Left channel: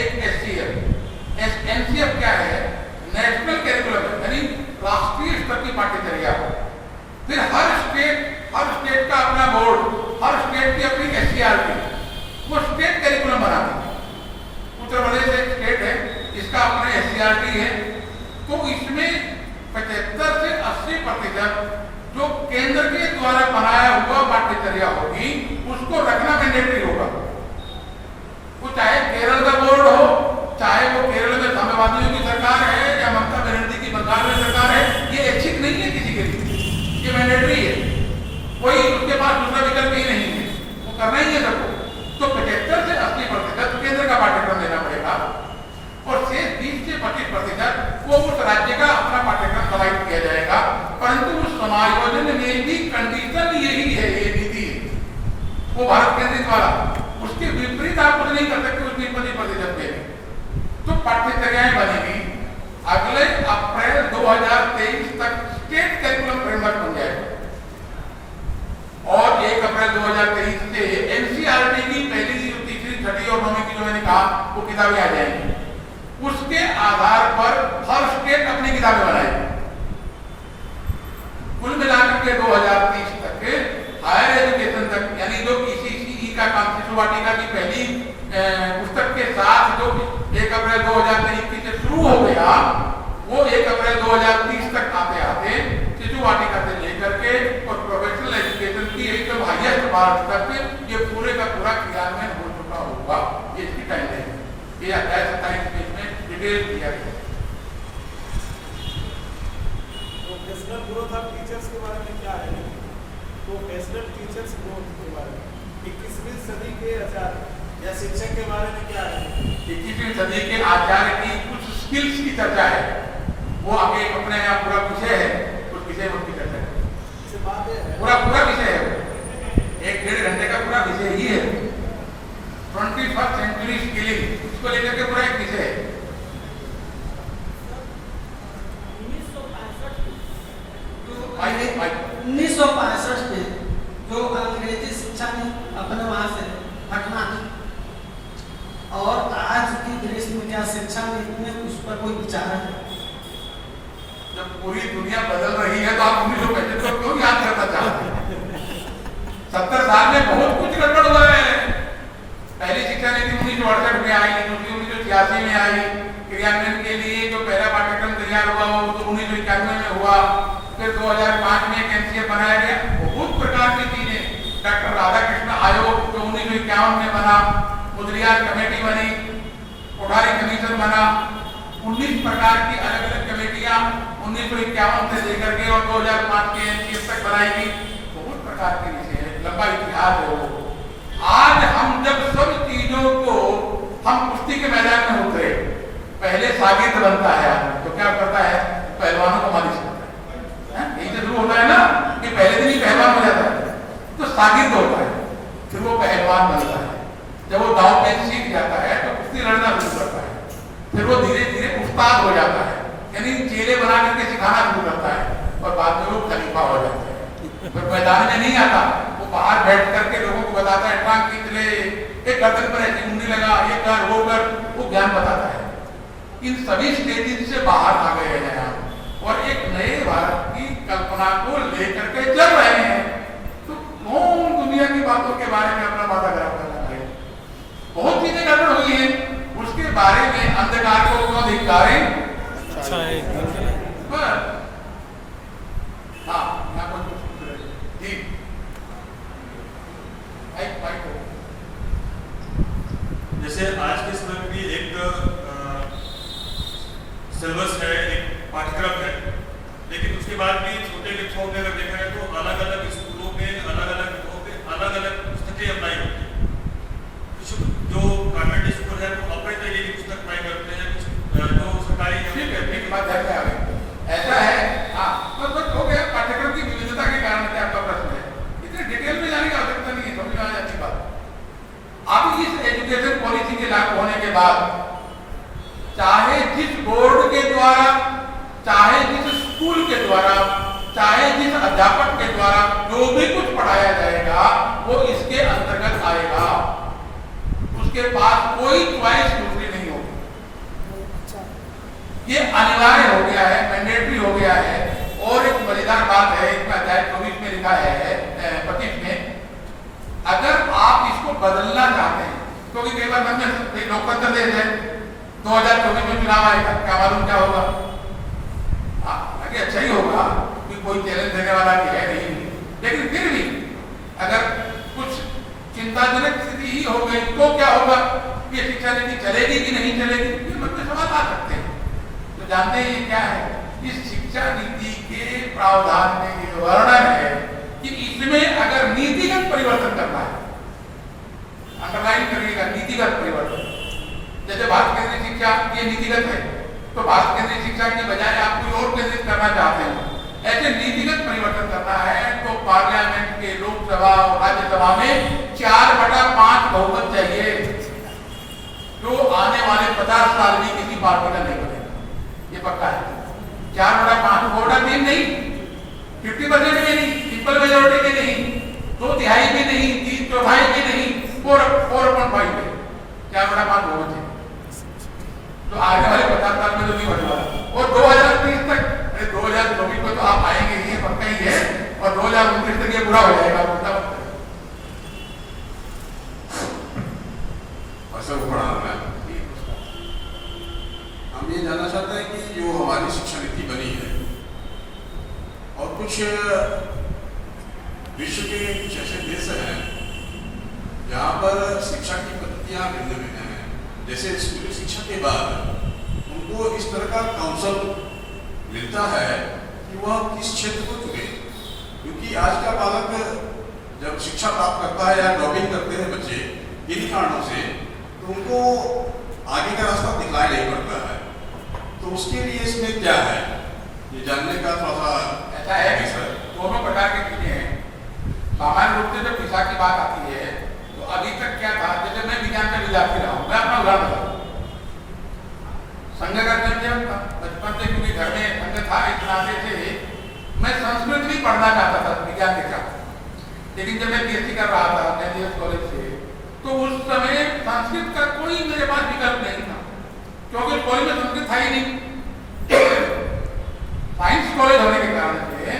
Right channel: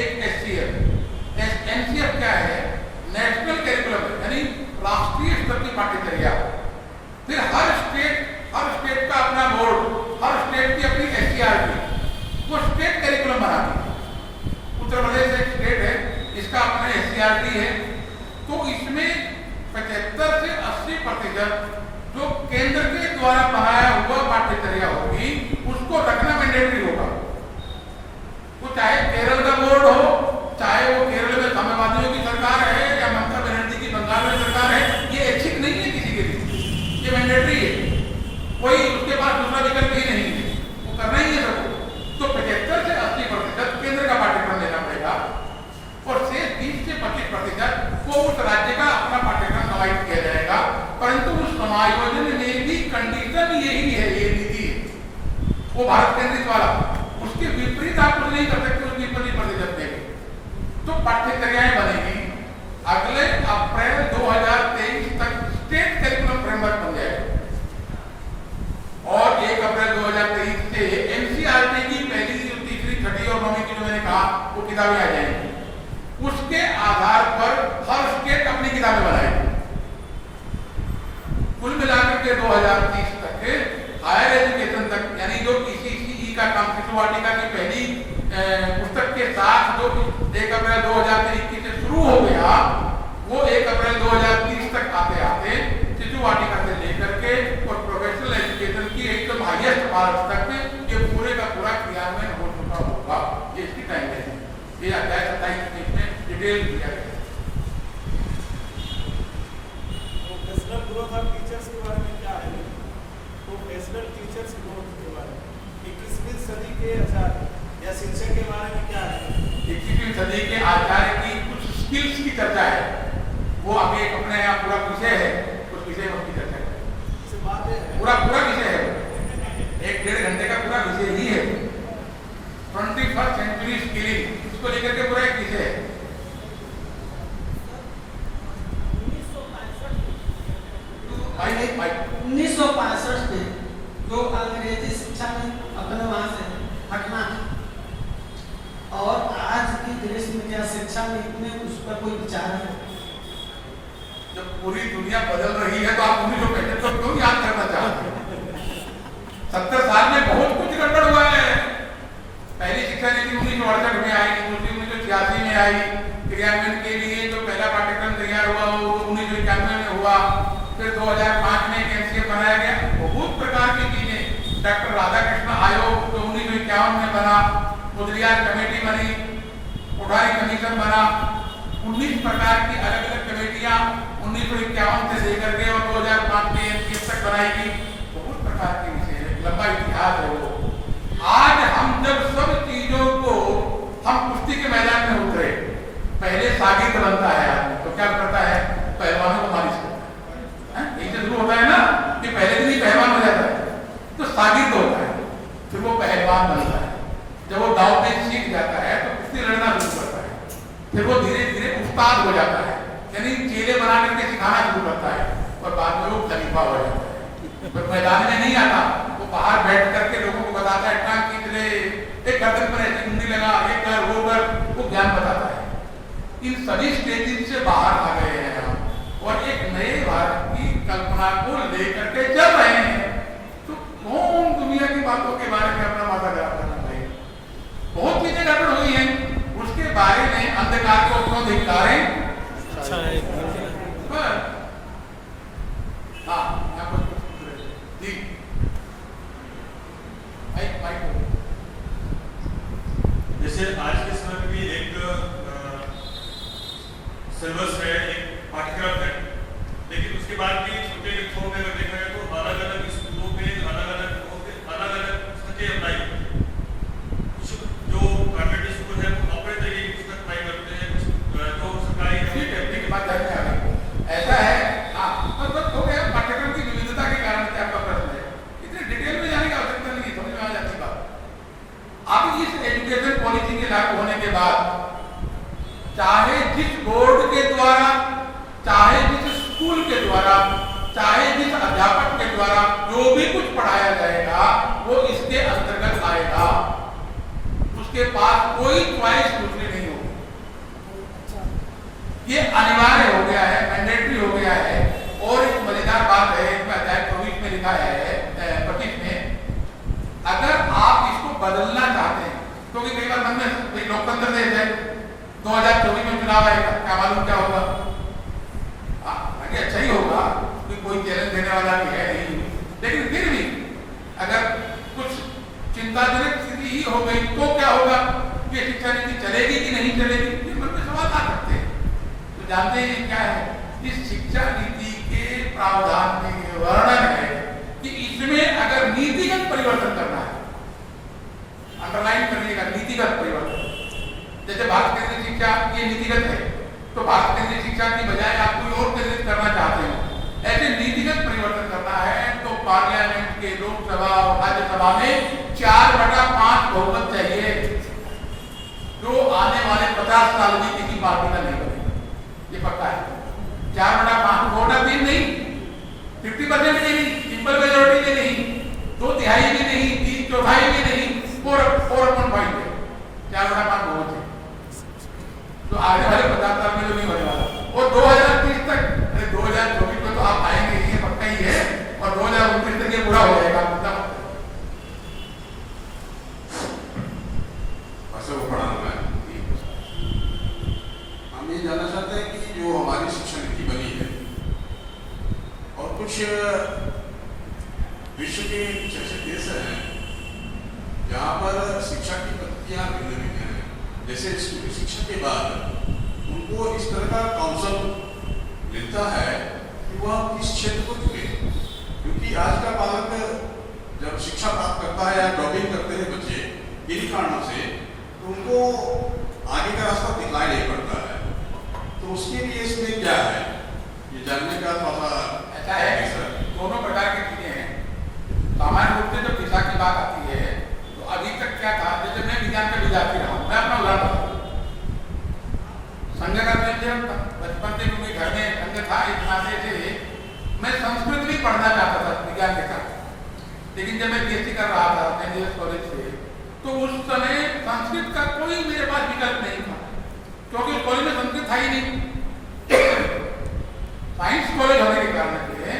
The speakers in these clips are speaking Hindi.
एक SCF। NCF क्या है? नेशनल करिकुलम, यानी राष्ट्रीय स्तर की पाठ्यचर्या। फिर हर स्टेट का अपना बोर्ड, हर स्टेट की अपनी SCRT, वो स्टेट करिकुलम बनाती है। उत्तर प्रदेश एक स्टेट है, इसका अपना SCRT है। तो इसमें 75 से 80% जो केंद्र के द्वारा बनाया हुआ पाठ्यचर्या होगी उसको रखना मैंडेटरी होगा। वो चाहे केरल का बोर्ड हो, चाहे वो केरल में साम्यवादियों की सरकार है या ममता बनर्जी की बंगाल में सरकार है, ये ऐच्छिक नहीं है किसी के लिए, ये मैंडेटरी है। कोई उसके पास दूसरा विकल्प ही नहीं है, वो करना ही है सबको। तो 75 से 80% केंद्र का पाठ्यक्रम देना पड़ेगा और से 20 से 25% को उस राज्य का अपना पाठ्यक्रम समाहित किया जाएगा। परंतु उस समायोजन में भी कंडीशन यही है, ये नीति वो भारत केंद्रित वाला, उसके विपरीत आप कुछ नहीं कर सकते उसकी 20% में। तो पाठ्यचर्याएं बनेगी। अगले अप्रैल 2023 तक स्टेट करिकुलम फ्रेमवर्क बन जाएगा और 1 अप्रैल 2023 से NCERT की पहली, तीसरी, छठी और 9वीं की जो मैंने कहा वो किताबें आ जाएंगी। उसके आधार पर हर स्टेट अपनी किताबें बनाएगी। कुल मिलाकर के 2030 तक हायर एजुकेशन तक, यानी जो PCCE का काम, शिशु वाटिका की पहली पुस्तक के साथ जो 1 अप्रैल 2023 से शुरू हो गया, वो 1 अप्रैल 2030 तक आते आते शिशु वाटिका से लेकर के और प्रोफेशनल एजुकेशन की एकदम हाईएस्ट मार्च तक ये पूरे का पूरा क्रियान्वयन हो चुका होगा। ये इसकी टाइमलाइन है। ये अध्याय 27 में इसमें डिटेल दिया गया। प्रोफेशनल ग्रोथ ऑफ टीचर्स के बारे में क्या है? प्रोफेशनल टीचर्स ग्रोथ के बारे में 21वीं सदी के आचार्य या शिक्षक के बारे में क्या है? 21वीं सदी के आचार्य की कुछ स्किल्स की चर्चा है, वो आगे अपने यहाँ पूरा विषय है, उस विषय में उसकी चर्चा है। बात है पूरा विषय है, 1-1.5 घंटे का पूरा विषय ही है। 21st सेंचुरी स्किलिंग, उसको लेकर के पूरा एक विषय है। 1965 में जो अंग्रेजी शिक्षा ने अपने वहां से हटना और आज की देश में क्या शिक्षा नीति में उस पर कोई विचार है? जब पूरी दुनिया बदल रही है तो आप 1965 को क्यों याद करना चाहते हैं? 70 साल में बहुत कुछ गड़बड़ हुआ है। पहली शिक्षा नीति 1968 में आई, दूसरी 1986 में आई। क्रियान्वयन के लिए जो पहला पाठ्यक्रम तैयार हुआ वो तो 1991 में हुआ। फिर 2005 में एक NCF बनाया गया। बहुत प्रकार की चीजें, डॉक्टर राधाकृष्ण आयोग जो 1951 में बना, मुदलियार कमेटी बनी, कोठारी कमीशन बना, 19 प्रकार की अलग अलग कमेटियां 1951 से लेकर के और 2005 के NCF तक बनाई गई। बहुत प्रकार के विषय है, लंबा इतिहास है वो। आज हम जब सब चीजों को हम कुश्ती के मैदान में उतरे, पहले साबित बनता है आदमी तो क्या करता है? पहलवानों को मालिश करता है। यही शुरू होता है ना कि पहले दिन ही पहलवान हो जाता है, तो साबित होता है, फिर वो पहलवान बनता है। जब वो दाव पेच सीख जाता है तो कुश्ती लड़ना शुरू करता है, फिर वो धीरे धीरे उस्ताद हो जाता है, यानी चेले बना करके सिखाना शुरू करता है और बाद में वो खलीफा हो जाता है। फिर मैदान में नहीं आता, वो बाहर बैठ करके लोगों को बताता है, टांग खींच ले, एक गर्दन पर ऐसी मुंडी लगा, ये कर, वो कर, वो ज्ञान बताता है। इन सभी स्टेजेस से बाहर आ गए हैं हम और एक नए भारत की कल्पना को लेकर के चल रहे हैं। तो कौन दुनिया की बातों के बारे में अपना माथा खराब करना है? बहुत चीजें गड़बड़ हुई हैं, उसके बारे में अंधकार को क्यों धिक्कारें? अच्छा है। जी जैसे आज के समय में भी एक सिलेबस है, एक पाठ्यक्रम है, लेकिन उसके बाद भी छोटे कक्षाओं में अगर देखा जाए तो अलग अलग स्कूलों में अलग अलग पुस्तकें अपनाई होती है। कुछ जो गवर्नमेंट स्कूल है वो अपने तरीके की पुस्तक अपनाई करते हैं, कुछ जो सरकारी बात है। ऐसा है तो बस हो गया। पाठ्यक्रम की विविधता के कारण क्या आपका प्रश्न है? इतने डिटेल में जाने की आवश्यकता नहीं है, समझ में आ जाती बात। अब इस एजुकेशन पॉलिसी के लागू होने के बाद चाहे जिस बोर्ड के द्वारा, चाहे जिस स्कूल के द्वारा, चाहे जिस अध्यापक के द्वारा जो भी कुछ पढ़ाया जाएगा वो इसके अंतर्गत आएगा। उसके पास कोई च्वाइस दूसरी नहीं होगी। ये अनिवार्य हो गया है, मैंडेटरी हो गया है। और एक मजेदार बात है, इसमें अध्याय 24 में लिखा है 25 में, अगर आप इसको बदलना चाहते हैं, क्योंकि कई बार मन में लोकतंत्र देश है, 2024 में चुनाव आएगा, क्या मालूम क्या होगा, आगे अच्छा ही होगा, कोई चैलेंज देने वाला भी है नहीं, लेकिन फिर भी अगर कुछ चिंताजनक स्थिति ही हो गई तो क्या होगा, ये शिक्षा नीति चलेगी कि नहीं चलेगी, फिर मन में सवाल आ सकते हैं। तो जानते हैं क्या है, इस शिक्षा नीति के प्रावधान में ये वर्णन है कि इसमें अगर नीतिगत परिवर्तन करना है, अंडरलाइन करने का नीतिगत परिवर्तन, जैसे भारत केंद्रीय शिक्षा ये नीतिगत है, तो भारत केंद्रीय शिक्षा की बजाय आप कोई और केंद्रित करना चाहते हैं, ऐसे नीतिगत परिवर्तन करना है तो पार्लियामेंट के लोकसभा और राज्यसभा में 4/5 बहुमत चाहिए, जो आने वाले 50 साल में किसी पार्टी का नहीं बनेगा, ये पक्का है। 4/5 वोट तीन नहीं, 50% भी नहीं, सिंपल मेजोरिटी भी नहीं, 2/3 भी नहीं, 3/4 भी नहीं, 4/5 है, 4/5 वोट है, तो आगे वाले 50 साल में तो नहीं बने वाला। और 2030 तक, 2024 में तो आप आएंगे ही, पक्का ही है, और 2029 तक ये पूरा हो जाएगा। मतलब हम ये जानना चाहते हैं कि जो हमारी शिक्षा नीति बनी है और कुछ विश्व के कुछ ऐसे देश हैं जहाँ पर शिक्षा की पद्धतियाँ भिन्न भिन्न हैं, जैसे स्कूली शिक्षा के बाद उनको इस तरह का काउंसिल मिलता है कि वह किस क्षेत्र को चुने, क्योंकि आज का बालक जब शिक्षा प्राप्त करता है या ड्रॉपिंग करते हैं बच्चे किन्हीं कारणों से, तो उनको आगे का रास्ता दिखाई नहीं पड़ता है। तो उसके लिए इसमें क्या है, ये जानने का थोड़ा ऐसा है कि सर दोनों प्रकार की चीजें हैं। सामान्य रूप से जब दिशा की बात आती है तो अभी तक क्या था, जैसे मैं विज्ञान का विद्यार्थी रहा हूँ, मैं अपना उदाहरण बताऊँ, संघ करने से बचपन से क्योंकि घर में संघ था, इस नाते से मैं संस्कृत भी पढ़ना चाहता था विज्ञान के साथ, लेकिन जब मैं बीएससी कर रहा था नेहरू कॉलेज से, तो उस समय संस्कृत का कोई मेरे पास विकल्प नहीं था, क्योंकि कॉलेज में संस्कृत था ही नहीं। साइंस कॉलेज होने के कारण से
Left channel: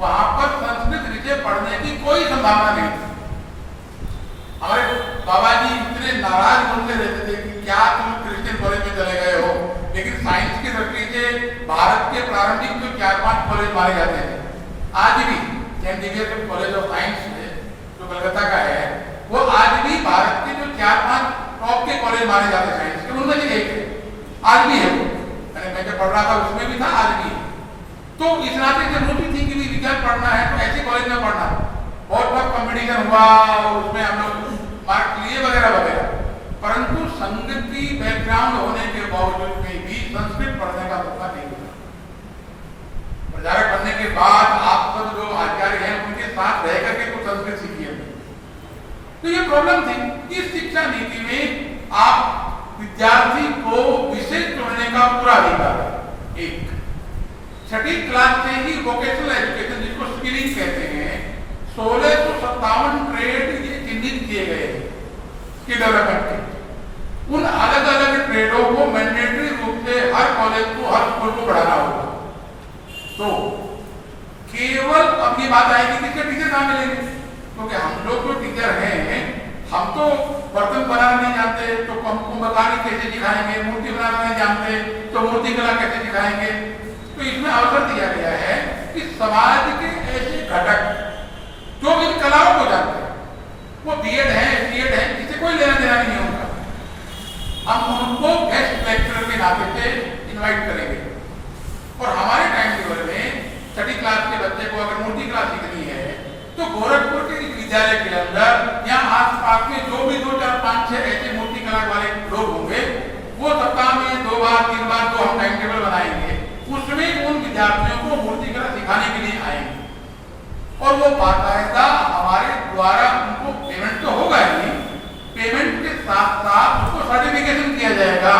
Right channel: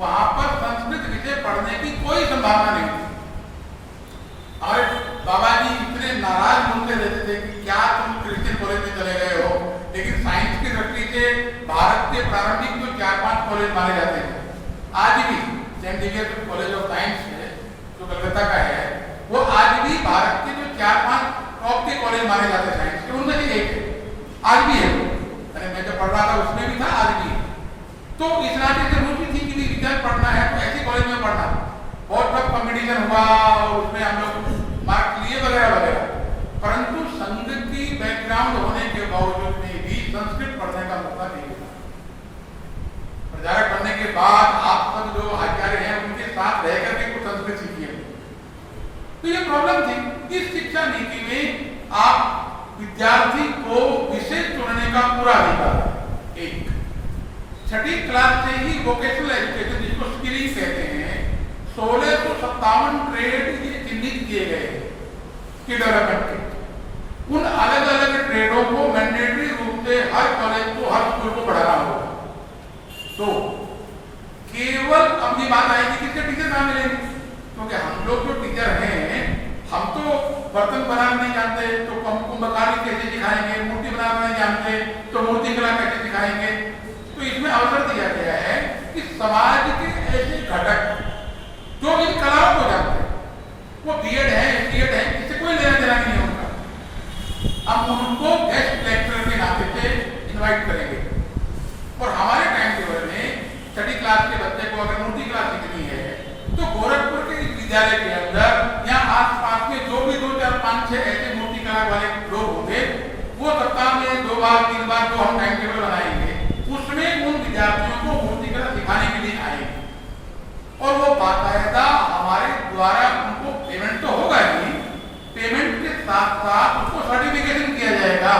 वहां पर संस्कृत विषय पढ़ने की कोई संभावना नहीं थी। हमारे बाबा जी इतने नाराज मुझसे रहते थे कि क्या तुम क्रिश्चियन कॉलेज में चले गए हो, लेकिन साइंस की दृष्टि से भारत के प्रारंभिक तो 4-5 कॉलेज माने जाते हैं। आज भी Saint Xavier college of science जो कलकत्ता का है, वो आज भी भारत के जो 4-5 टॉप के कॉलेज माने जाते हैं साइंस के, उनमें से एक है, आज भी है। मैं जब पढ़ रहा था उसमें भी था, आज भी है। तो इस नाते से मुझे थी कि विज्ञान पढ़ना है तो ऐसे कॉलेज में पढ़ना, और तब कॉम्पिटिशन हुआ और उसमें हम लोग मार्क्स लिए वगैरह वगैरह, परंतु संघ की बैकग्राउंड होने के बावजूद में भी संस्कृत पढ़ने का मौका नहीं हुआ। प्रचारक बनने के बाद आप सब जो आचार्य हैं उनके साथ रह करके कुछ संस्कृत सीखिए। तो ये प्रॉब्लम थी। इस शिक्षा नीति में आप विद्यार्थी को विषय चुनने का पूरा अधिकार है। एक 6ठी क्लास से ही वोकेशनल एजुकेशन, जिसको स्किलिंग कहते हैं, 1657 ट्रेड ये चिन्हित किए गए स्किल डेवलपमेंट के। उन अलग अलग ट्रेडों को मैंडेटरी रूप से हर कॉलेज को, हर स्कूल को बढ़ाना होगा। तो केवल अब ये बात आएगी कि टीचर कहाँ मिलेंगे, क्योंकि हम लोग जो टीचर हैं, हम तो बर्तन बनाना नहीं जानते, तो हम कुंभकारी कैसे सिखाएंगे, मूर्ति बनाना नहीं जानते तो मूर्ति कला कैसे सिखाएंगे। तो इसमें अवसर दिया गया है कि समाज के ऐसे घटक जो इन कलाओं को जानते हैं, वो बीएड है, सीएड है, इससे कोई लेना देना नहीं होगा, हम उनको गेस्ट लेक्चरर के नाते से इनवाइट करेंगे। और हमारे टाइम टेबल में 6ठी क्लास के बच्चे को अगर मूर्ति क्लास सीखनी है तो गोरखपुर के विद्यालय के अंदर या आसपास में जो भी 2, 4, 5, 6 ऐसे मूर्ति कला वाले लोग होंगे, वो सप्ताह में 2 बार 3 बार जो हम टाइम टेबल बनाएंगे, उसमें उन विद्यार्थियों को मूर्ति कला सिखाने के लिए आएंगे। और वो बाकायदा हमारे द्वारा उनको पेमेंट तो होगा ही, पेमेंट के साथ साथ उसको सर्टिफिकेशन किया जाएगा।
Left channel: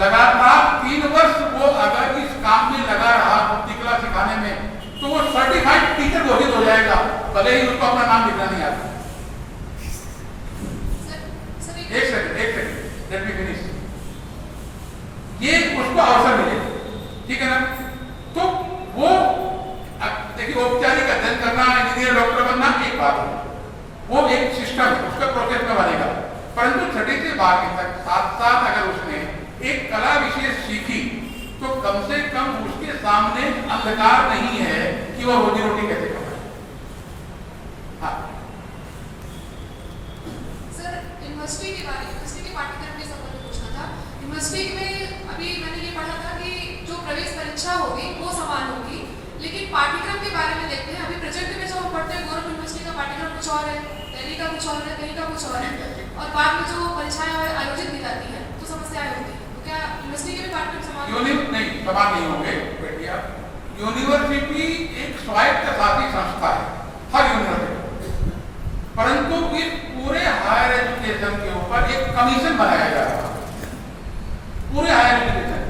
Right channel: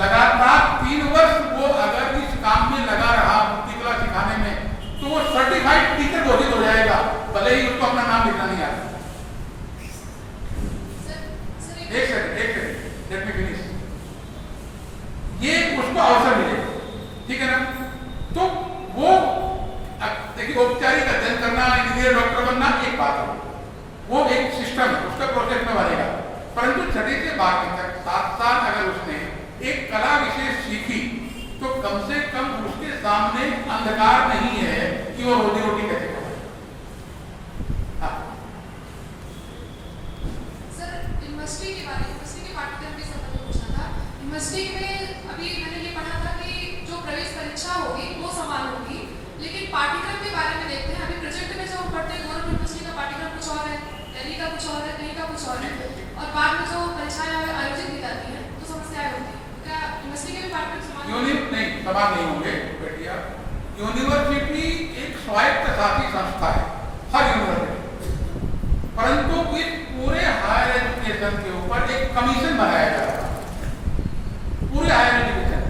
लगातार 3 वर्ष वो अगर इस काम में लगा रहा मूर्ति कला सिखाने में, तो वो सर्टिफाइड टीचर घोषित हो जाएगा, भले ही उसको अपना नाम लिखना नहीं आता। एक सेकंड, लेट मी फिनिश। ये उसको अवसर मिलेगा। 12वीं तक साथ साथ अगर उसने एक कला विशेष सीखी तो कम से कम उसके सामने अंधकार नहीं है कि वो रोजी रोटी कैसे करे। हाँ सर, यूनिवर्सिटी के बारे में, यूनिवर्सिटी के पाठ्यक्रम के संबंध में पूछना था। यूनिवर्सिटी में अभी मैंने ये पढ़ा था कि जो प्रवेश परीक्षा होगी वो समान होगी, लेकिन पाठ्यक्रम के बारे में देखते हैं। अभी प्रोजेक्ट में जो हम पढ़ते हैं गोरखपुर यूनिवर्सिटी का पाठ्यक्रम कुछ और है, दिल्ली का कुछ और है, दिल्ली का कुछ और है, और बाद में जो परीक्षाएं आयोजित की जाती हैं तो समस्याएं होती हैं। तो क्या यूनिवर्सिटी के भी पाठ्यक्रम समान नहीं, समान नहीं होंगे बेटिया। यूनिवर्सिटी एक स्वायत्त शासी संस्था है, हर यूनिवर्सिटी, परंतु इस पूरे हायर एजुकेशन के ऊपर एक कमीशन बनाया जा रहा है। पूरे हायर एजुकेशन,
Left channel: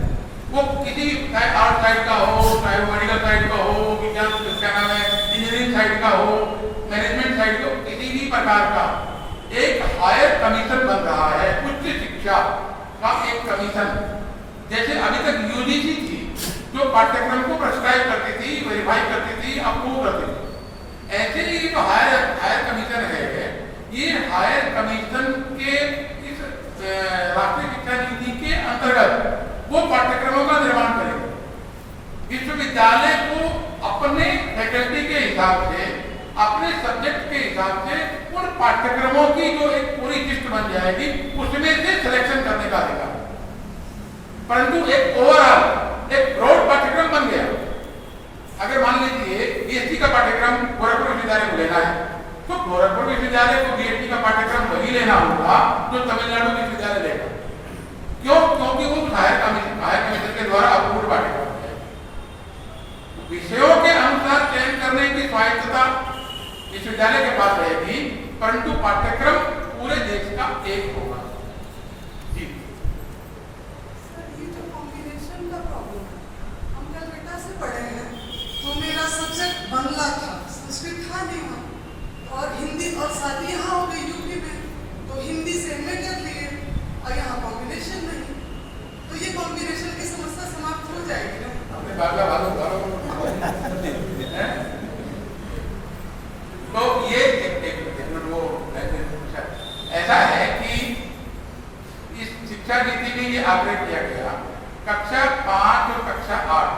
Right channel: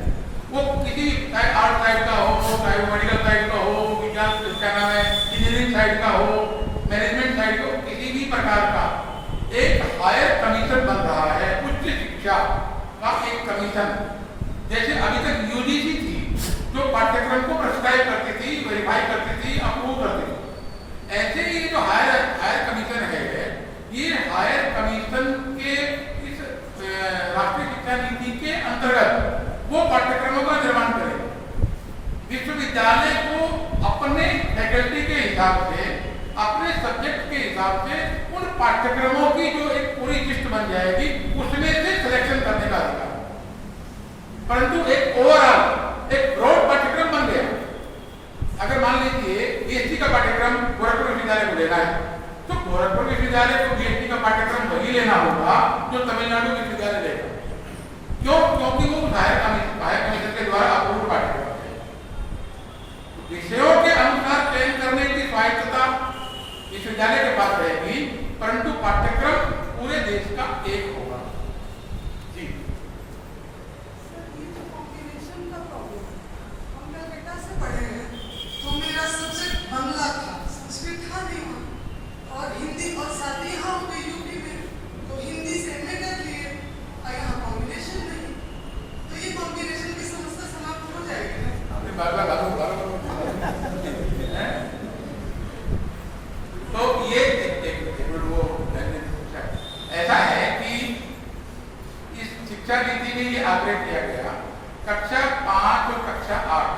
वो किसी चाहे आर्ट साइड का हो, चाहे वो मेडिकल साइड का हो, विज्ञान क्या नाम है, इंजीनियरिंग साइड का हो, मैनेजमेंट साइड का, किसी भी प्रकार का एक हायर कमीशन बन रहा है, उच्च शिक्षा का एक कमीशन। जैसे अभी तक यूजीसी थी जो पाठ्यक्रम को प्रेस्क्राइब करती थी, वेरीफाई करती थी, अप्रूव करती थी, ऐसे ही जो हायर कमीशन है, ये हायर कमीशन के इस राष्ट्रीय शिक्षा नीति के अंतर्गत वो पाठ्यक्रमों का निर्माण करेगा। विश्वविद्यालय को अपने फैकल्टी के हिसाब से, अपने सब्जेक्ट के हिसाब से उन पाठ्यक्रमों की जो एक पूरी लिस्ट बन जाएगी उसमें से सिलेक्शन करने का अधिकार। परंतु एक ओवरऑल एक ब्रॉड पाठ्यक्रम बन गया। अगर मान लीजिए बीएससी का पाठ्यक्रम गोरखपुर विश्वविद्यालय को लेना है तो गोरखपुर विश्वविद्यालय को बीएससी का पाठ्यक्रम वही लेना होगा जो तमिलनाडु विश्वविद्यालय लेगा। क्यों? क्योंकि वो हायर कमीशन के द्वारा अप्रूव्ड पाठ्यक्रम है। विषयों के अनुसार चयन करने की स्वायत्तता विश्वविद्यालय के पास रहेगी, परंतु पाठ्यक्रम पूरे देश का एक होगा। जी पढ़े हैं तो मेरा सब्जेक्ट बांग्ला था, संस्कृत था नहीं वहाँ, और हिंदी, और शादी यहाँ हो गई यूपी में तो हिंदी से में कर लिए, और यहाँ कॉम्बिनेशन नहीं, तो ये कॉम्बिनेशन की समस्या समाप्त हो जाएगी। तो ये वो ऐसा है कि इस शिक्षा नीति में ये आग्रह किया गया कक्षा 5 और कक्षा 8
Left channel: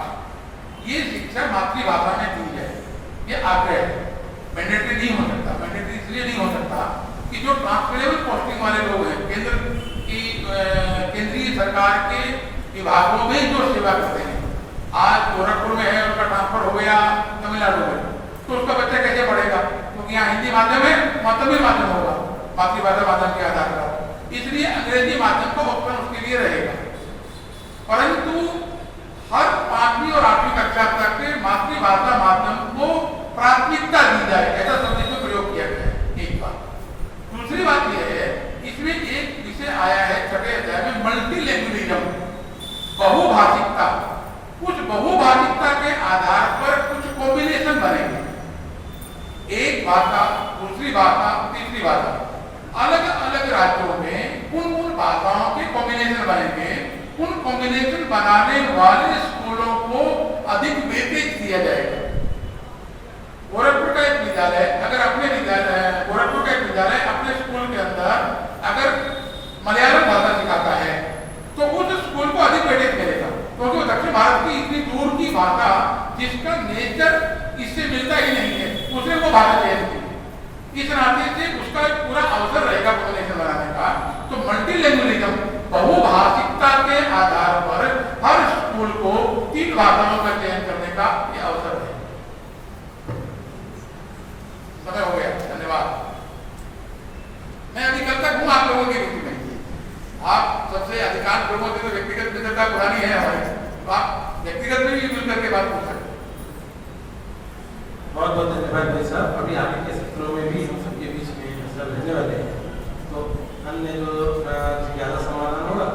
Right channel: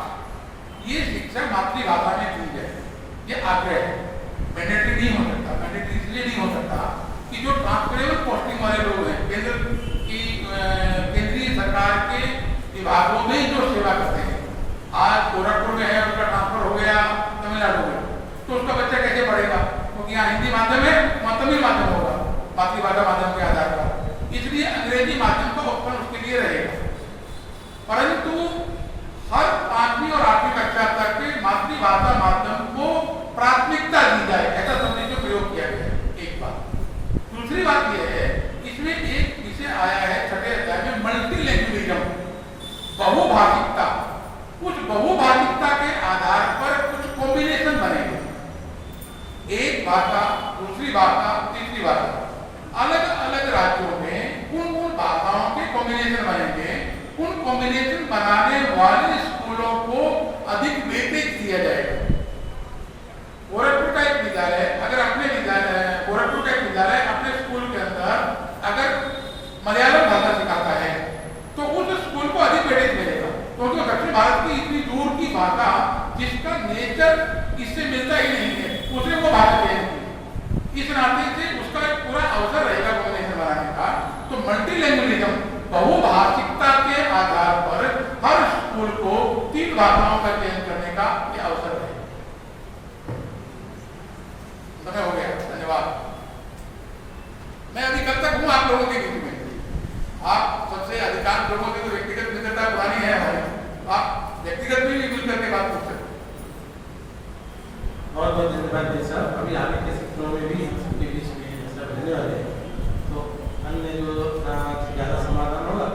ये शिक्षा मातृभाषा में दी जाए, ये आग्रह है। मैंडेटरी नहीं हो सकता। मैंडेटरी इसलिए नहीं हो सकता कि जो ट्रांसफरेबल पोस्टिंग वाले लोग हैं, केंद्रीय सरकार के विभागों में जो सेवा करते हैं, आज गोरखपुर में है, उसका ट्रांसफर हो गया तमिलनाडु में, तो उसका बच्चा कैसे पढ़ेगा? क्योंकि यहाँ हिंदी माध्यम है, वहाँ तमिल माध्यम होगा, मातृभाषा माध्यम के आधार पर, इसलिए अंग्रेजी माध्यम का ऑप्शन उसके लिए रहेगा। परंतु हर 5वीं और 8वीं कक्षा तक मातृभाषा माध्यम को प्राथमिकता दी जाए, ऐसा सोचने में प्रयोग किया गया है। एक बात। दूसरी बात यह है, इसमें एक विषय आया है 6वें अध्याय में, मल्टीलैंग्वेजिज्म, बहुभाषिकता। उस बहुभाषिकता के आधार पर कुछ कॉम्बिनेशन बनेंगे, एक भाषा, दूसरी भाषा, तीसरी भाषा। अलग अलग राज्यों में उन भाषाओं के कॉम्बिनेशन बनेंगे। उन कॉम्बिनेशन बनाने वाले स्कूलों को अधिक वेटेज दिया जाएगा। गोरखपुर का एक विद्यालय अगर अपने गोरखपुर का एक विद्यालय अपने स्कूल के अंदर अगर मलयालम भाषा सिखाता है तो उस स्कूल को अधिक वेटेज मिलेगा, क्योंकि दक्षिण भारत की इतनी दूर की भाषा जिसका नेचर इससे मिलता ही नहीं है, उसने वो भाषा चयन की। इस नाते से उसका एक पूरा अवसर रहेगा कॉम्बिनेशन बनाने का। तो मल्टीलैंग्वेजिज्म, बहुभाषिकता के आधार पर हर स्कूल को 3 भाषाओं का चयन करने का ये अवसर है। समय हो गया, धन्यवाद। मैं अभी कल तक हूँ आप लोगों के बीच में। आप सबसे अधिकांश लोगों की तो व्यक्तिगत मित्रता पुरानी है हमारी, आप व्यक्तिगत में भी मिल करके बात पूछ सकते। बहुत बहुत धन्यवाद भाई साहब। अभी आगे के सत्रों में भी सबके बीच में सब रहने वाले हैं, तो अन्य जो जिज्ञासा समाधान होगा